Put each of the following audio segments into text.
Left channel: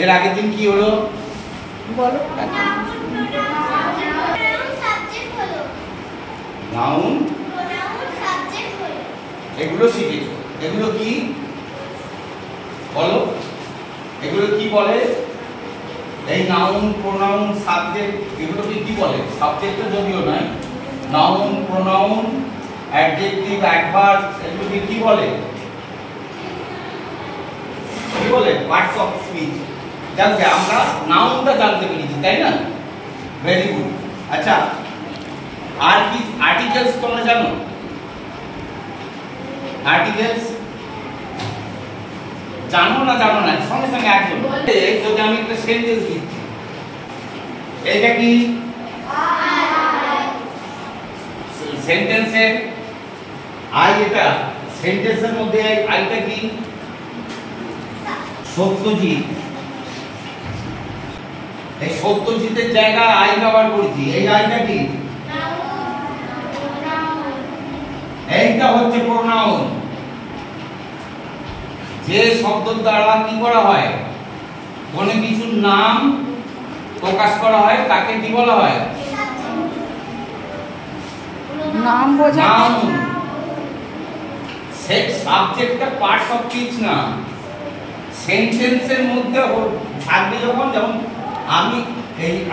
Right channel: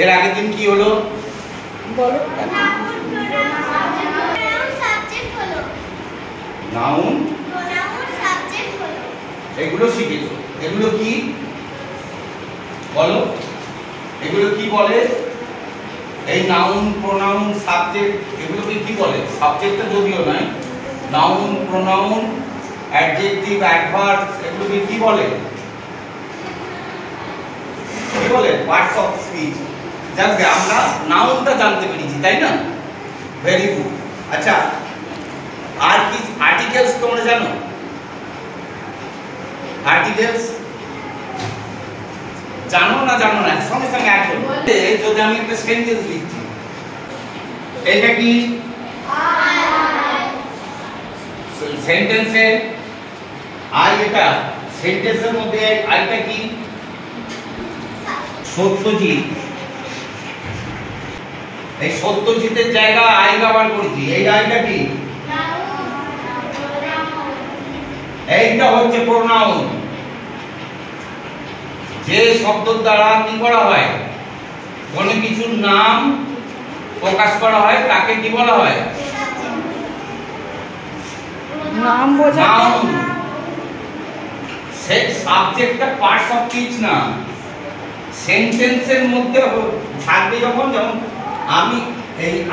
এর আগের দিন কি হলো বলো। নাউন এগুলো শিখেছো। এগুলো কি বলো, এগুলো কি বলে? এই নাউন, প্রোনাউন, সাবজেক্ট এগুলোকে কি বলে? সাবজেক্টটা যদিও নয়, নাউন, প্রোনাউন, অ্যাডজেক্টিভ, অ্যাডভার্ব এগুলোকে কি বলে? কি বলে? Parts of speech. জানবে আমরা নাউনটা জানতে পেরেছি, তাই না? Very good. আচ্ছা, আর কি আর্টিকেলস তোমরা জানো? আর্টিকেলস জানো না জানো না সঙ্গে সঙ্গে একজন যদি আমি একটা সেন্টেন্স দিচ্ছি, এটা কি সেন্টেন্সের আই? এটা সেন্টেন্সের মধ্যে আইটা কি? সত্যজিৎ। এই সত্যজিতের জায়গায় আই ব্যবহার করেছি। এই আইটা কি? এইটা হচ্ছে প্রোনাউন। যে শব্দের দ্বারা কি করা হয়? কোনো কিছুর নাম প্রকাশ করা হয় তাকে কি বলা হয়? নাম বোঝাতে। নাউন। সেই সাবজেক্টটা পার্টস অফ স্পিচ না, সেন্টেন্সের মধ্যে থাকবে। যখন যেমন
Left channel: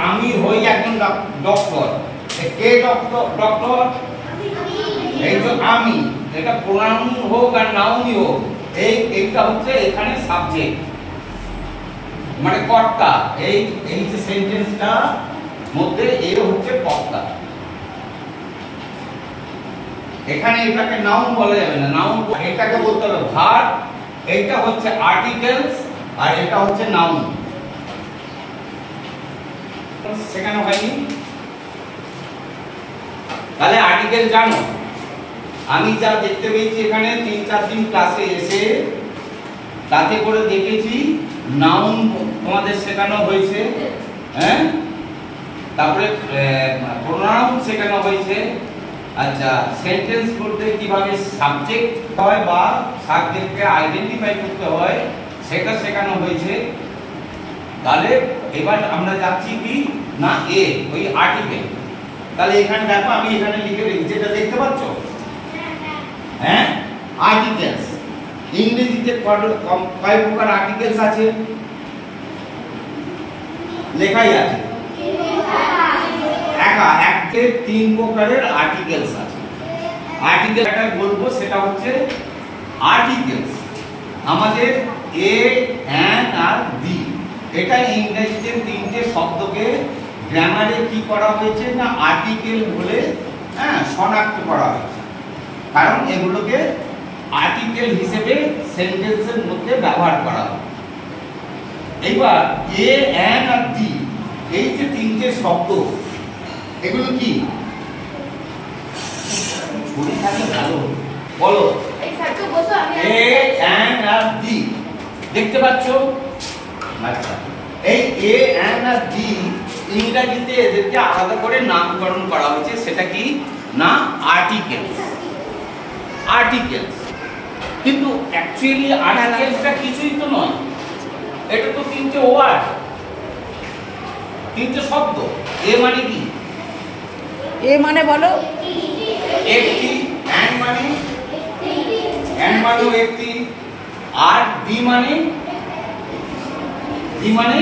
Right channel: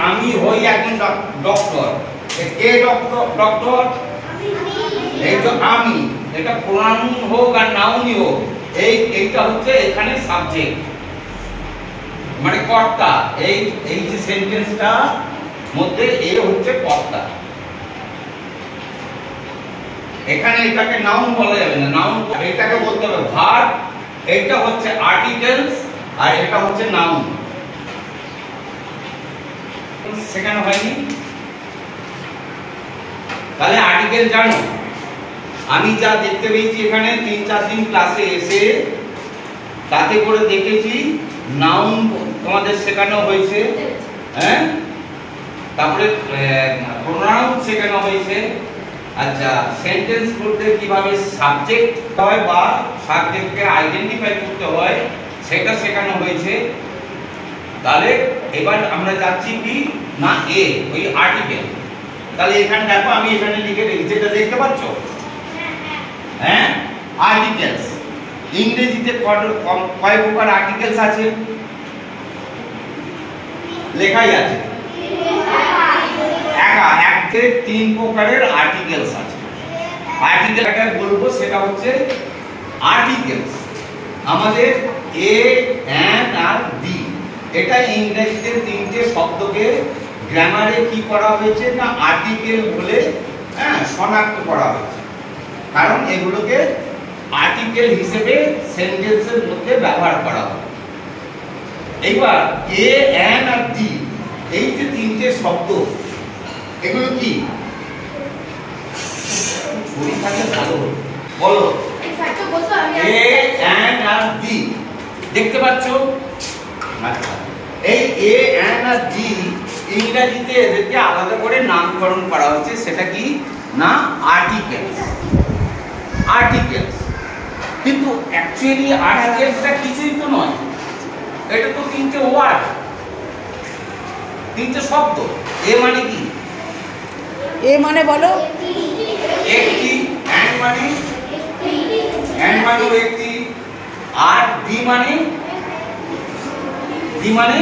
আমি হই একজন ডক্টর, কে ডক্টর? এই যে আমি, এটা প্রোনাউন হোক আর নাউনই হোক, এইটা হচ্ছে এখানে সাবজেক্ট মানে কর্তা। এই যে সেন্টেন্সটা মধ্যে এই হচ্ছে কর্তা। এখানে এটাকে নাউন বলা যাবে না, নাউন এটাকে বলতে হবে ভার্ব। এইটা হচ্ছে আর্টিকেলস আর এটা হচ্ছে নাউন। সেখানে হয়নি? তাহলে আর্টিকেল জানো? আমি যা দেখতে পেয়েছি এখানে 3-4 দিন ক্লাসে এসে, তাতে করে দেখেছি নাউন তোমাদের শেখানো হয়েছে, হ্যাঁ, তারপরে প্রোনাউন শেখানো হয়েছে। আচ্ছা, সেন্টেন্স করতে কিভাবে সাবজেক্ট হয় বা সাবজেক্টকে আইডেন্টিফাই করতে হয় সেটা শেখানো হয়েছে। তাহলে এবার আমরা যাচ্ছি কি না এ, ওই আর্টিকেল। তাহলে এখানে দেখো আমি এখানে লিখে রেখেছি, যেটা দেখতে পাচ্ছ, হ্যাঁ, আর্টিকেলস। ইংরেজিতে কয় প্রকার আর্টিকেলস আছে? লেখাই আছে একে 3 প্রকারের আর্টিকেলস আছে। আর্টিকেল একটা বলবো, সেটা হচ্ছে আর্টিকেলস আমাদের এ, অ্যান আর দি। এটা ইংরেজিতে 3টে শব্দকে গ্রামারে কি করা হয়েছে না আর্টিকেল বলে, হ্যাঁ, শনাক্ত করা হয়েছে। কারণ এগুলোকে আর্টিকেল হিসেবে সেন্টেন্সের মধ্যে ব্যবহার করা হয়। এইবার এ, অ্যান আর দি, এই যে 3টে শব্দ, এগুলো কি? ছবি থাকে ভালো বলো। এ, অ্যান আর দি দেখতে পাচ্ছ? আচ্ছা, এই এ, অ্যান আর দি ইংরেজিতে এদেরকে আলাদা করে নামকরণ করা হয়েছে। সেটা কি না আর্টিকেলস। আর্টিকেলস কিন্তু অ্যাকচুয়ালি আর্টিকেলসটা কিছুই তো নয়, এটা তো 3টে ওয়ার্ড, 3টে শব্দ। এ মানে কি? এ মানে বলো একটি, অ্যান মানে একটি, আর দি মানে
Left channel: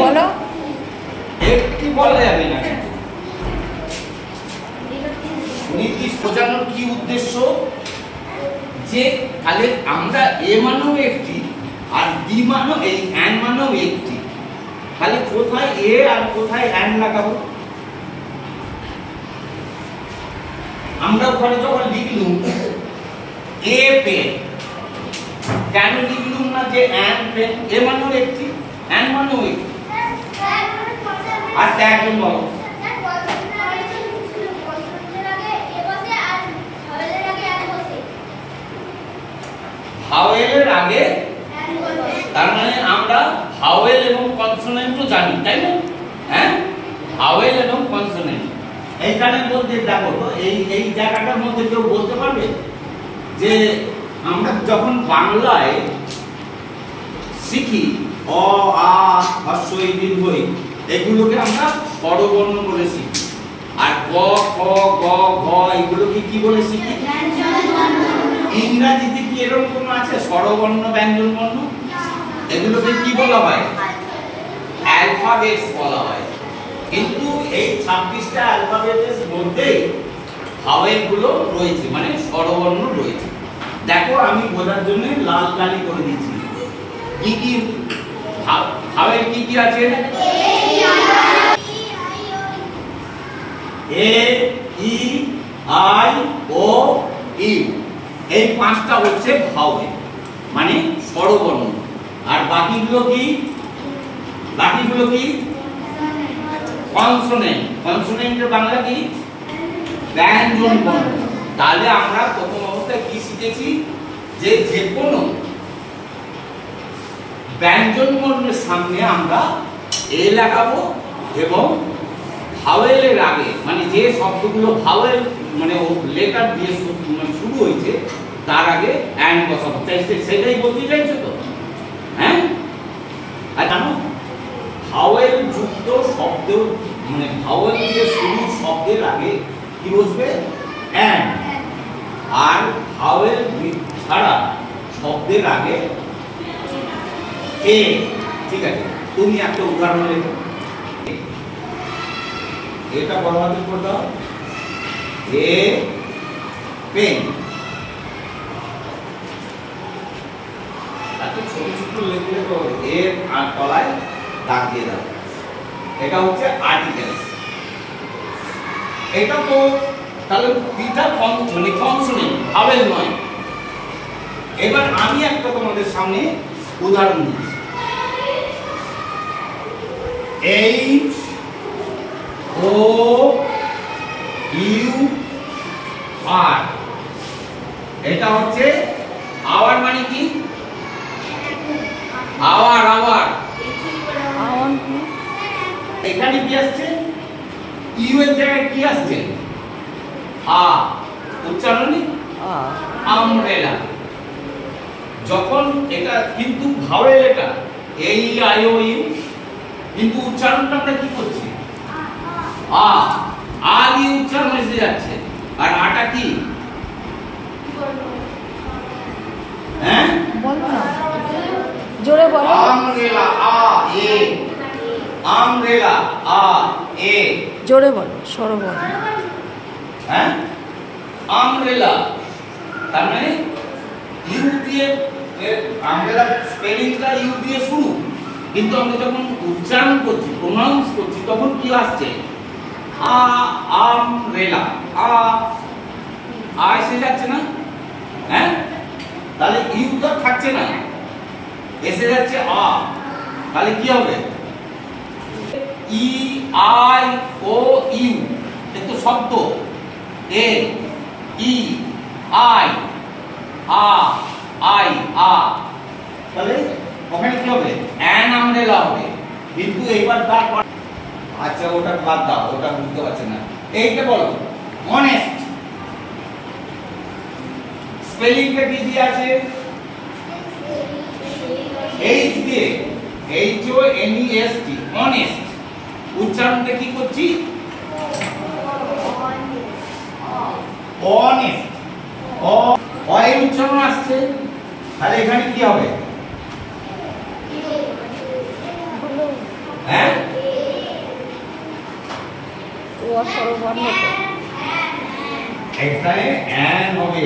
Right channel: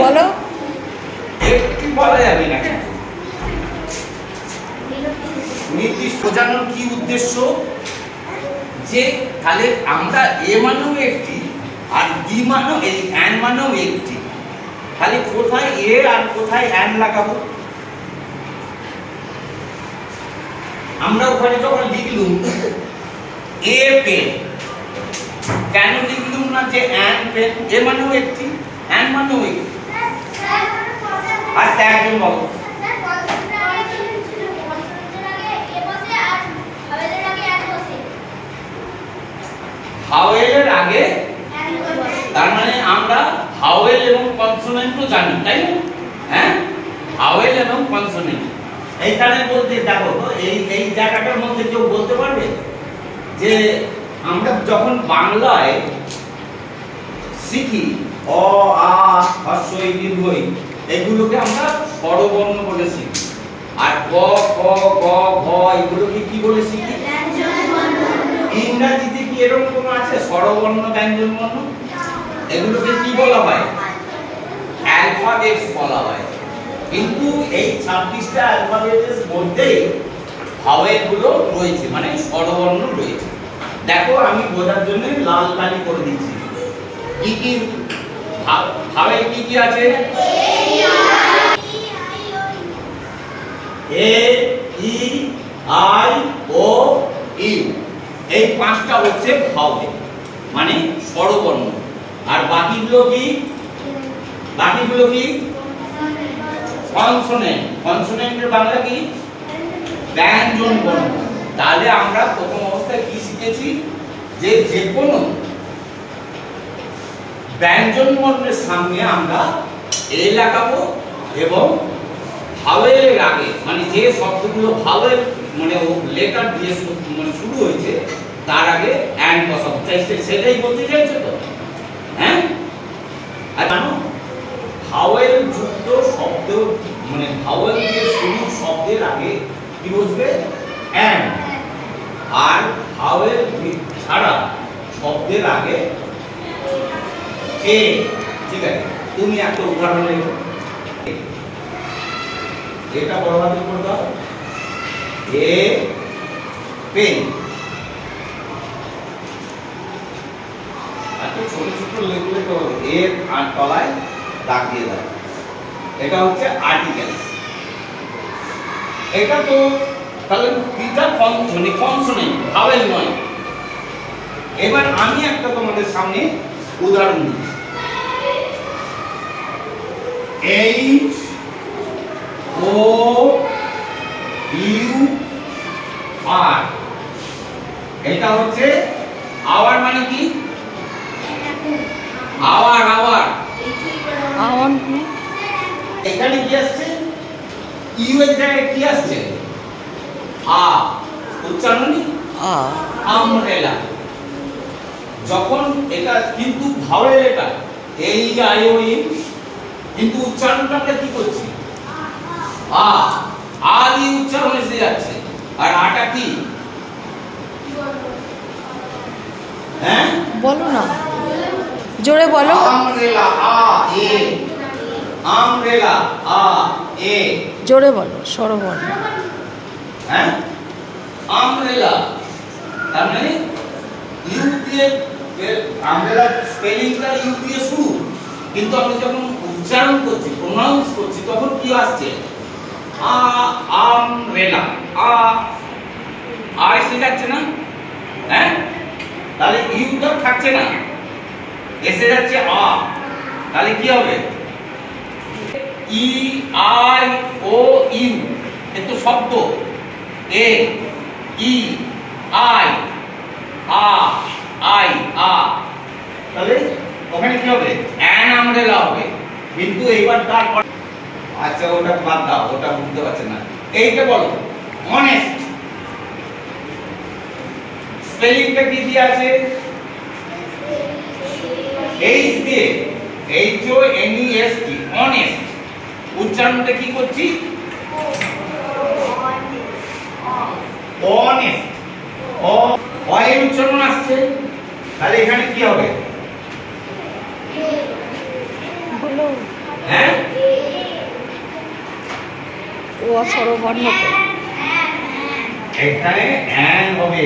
বলো একটি বলা যাবে না। নির্দিষ্ট বোঝানোর কি উদ্দেশ্য? যে তাহলে আমরা এ মানেও একটি আর দি মানেও এই অ্যান মানেও একটি, তাহলে কোথায় এ আর কোথায় অ্যান লাগাবো? আমরা ওখানে যখন লিখলুম এ পেন, কেন লিখলুম না যে অ্যান পেন? এ মানেও একটি, অ্যান মানেও একটি। আচ্ছা, একজন বলো। ভাওয়েলের আগে, তার মানে আমরা ভাওয়েল এবং কনসোনেন্টও জানি, তাই না? হ্যাঁ, ভাওয়েল এবং কনসোনেন্ট। এইখানে বলতে দেখো, এই জায়গাটার মধ্যে কেউ বলতে পারবে যে আমরা যখন বাংলায় শিখি, অ আ হ্রস্ব ই দীর্ঘ ই, এগুলোকে আমরা স্বরবর্ণ বলে শিখি। আর ক খ গ ঘ এগুলোকে কি বলে শিখি? ইংরেজিতে কি এরকম কোনো আছে স্বরবর্ণ ব্যঞ্জন বর্ণ? এগুলোকে কি বলা হয়? অ্যালফাবেটস বলা হয়। কিন্তু এই 26টা অ্যালফাবেটের মধ্যে ভাওয়েল গুলো রয়েছে, মানে স্বরবর্ণ রয়েছে। দেখো আমি বোঝার জন্য লাল কালি করে দিচ্ছি। কি কি ভাওয়েল কি কি আছে? এ ই আই ও ইউ, এই 5টা হচ্ছে ভাওয়েল মানে স্বরবর্ণ। আর বাকিগুলো কি? বাকিগুলো কি? কনসোনেন্ট। কনসোনেন্টের বাংলা কি? ব্যঞ্জন বর্ণ। তাহলে আমরা প্রথম অবস্থায় কি শিখেছি? যে যেকোনো ব্যঞ্জন বর্ণের সামনে আমরা এ লাগাবো এবং ভাওয়েলের আগে মানে যে শব্দগুলো ভাওয়েল মানে লেটার দিয়ে মানে শুরু হয়েছে তার আগে অ্যান্ড বসাবো। সেটাই বলতে চাইছো তো? হ্যাঁ, আর জানো ভাওয়েল যুক্ত শব্দ মানে ভাওয়েল দিয়ে শুরু শব্দের আগে কি বসবে? অ্যান্ড। আর ভাওয়েল ছাড়া শব্দের আগে এ। ঠিক আছে, তুমি একটা উদাহরণ লেখো। এটা বড় হাতের উপর দাও, এ পেন। এত ছোট ছোট লেখলে তো এর আর তলায় দাগ দিয়ে দাও। এটা হচ্ছে আর্টিকেল। এটা তো তাহলে এটা কনসোনেন্ট, ভাওয়েল নয়। এবার আমি একটা তোমাদের সামনে উদাহরণ দিচ্ছি। এইচ ও ইউ আর, এটা হচ্ছে আওয়ার মানে কি? আওয়ার। আওয়ার আওয়ার এখানে কি আসছে? ইউ এর জায়গায় কি আসছে? আ। উচ্চারণই আমরেলা। যখন এটা কিন্তু ভাওয়েল, এটা এই আই ও ইউ, কিন্তু উচ্চারণটা আমরা কি করছি? আ। আ দিয়ে উচ্চারণ এসে যাচ্ছে। আর আটা কি? হ্যাঁ বলো না, জোরে বলো। আমরেলা আ এ। আমরেলা আ এ, জোরে বলো, স্বরবর্ণ। হ্যাঁ, আমরেলা তার মানে ইউ দিয়ে, আমরেলা স্পেলিংটা ইউ দিয়ে শুরু, কিন্তু আমরা যখন উচ্চারণ করছি, প্রনাউন্স করছি, তখন কি আসছে? আ। আমরেলা আ। আ এসে যাচ্ছে না? হ্যাঁ, তাহলে ইউ তো থাকছে না, এসে যাচ্ছে আ। তাহলে কি হবে? ই আই ও ইউ, এ তো শব্দ। এ ই আই আ আই আ, তাহলে ওখানে কি হবে? অ্যান আমরেলা হবে। কিন্তু এইবার তারপর আচ্ছা ওটা বাদ দাও, ওটা বুঝতে পারছি না। এইটা বলো, অনেস্ট। স্পেলিংটা কি দিয়ে আছে? এইচ দিয়ে, H O N E S T, honest. উচ্চারণটা কি করছি? অনেস্ট। অ এর উচ্চারণ আসছে, তাহলে এখানে কি হবে? হ্যাঁ, ও স্বরবর্ণ তো। এখানে অ্যান হবে,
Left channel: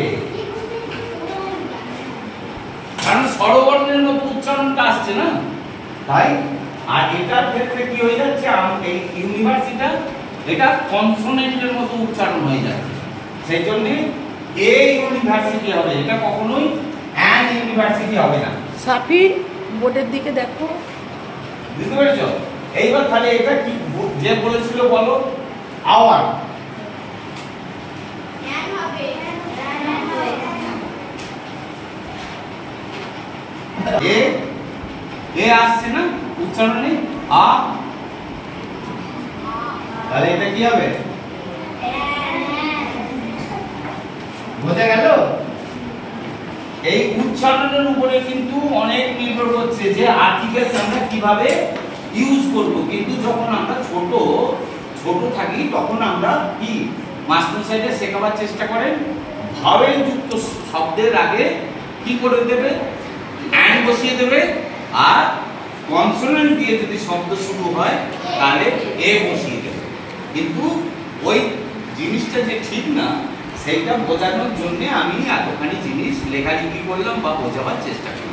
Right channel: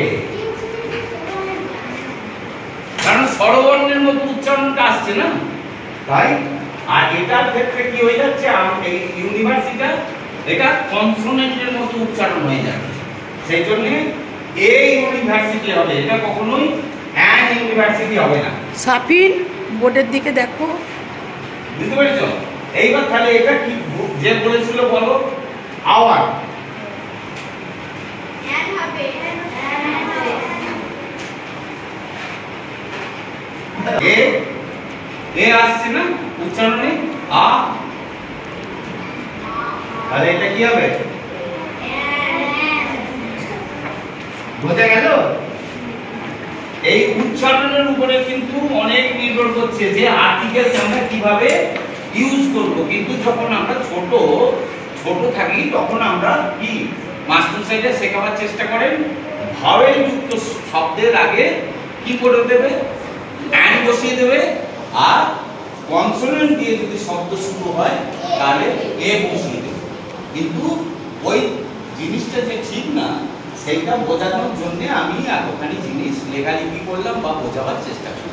কারণ স্বরবর্ণের মতো উচ্চারণটা আসছে না, তাই। আর এটার ক্ষেত্রে কি হয়ে যাচ্ছে? এই ইউনিভার্সিটা এটা কনসোনেন্টের মতো উচ্চারণ হয়ে যাচ্ছে, সেই জন্য এই ইউনিভার্সিটি হবে, এটা কখনোই অ্যান ইউনিভার্সিটি হবে না। সাফির বোর্ডের দিকে দেখো, বুঝতে পেরেছো? এইবার তাহলে এটা কি যে বলেছিল বলো? আওয়ার। এ এ আসছে না উচ্চারণে? আ। তাহলে এটা কি হবে? বোঝা গেল? এই উচ্চারণের উপরে কিন্তু অনেক নির্ভর করছে যে আর্টিকেলস আমরা কিভাবে ইউজ করব। কিন্তু যখন আমরা ছোট থাকি তখন আমরা কি মাস্টার সাইডে শেখাবার চেষ্টা করেন ভাওয়েল যুক্ত শব্দের আগে কি করে দেবে, অ্যান্ড বসিয়ে দেবে, আর কনসোনেন্ট দিয়ে যদি শব্দ শুরু হয় তাহলে এ বসিয়ে দেবে। কিন্তু ওই জিনিসটা যে ঠিক না সেইটা বোঝানোর জন্য আমি এতখানি জিনিস লেখালেখি করলাম বা বোঝাবার চেষ্টা করলাম।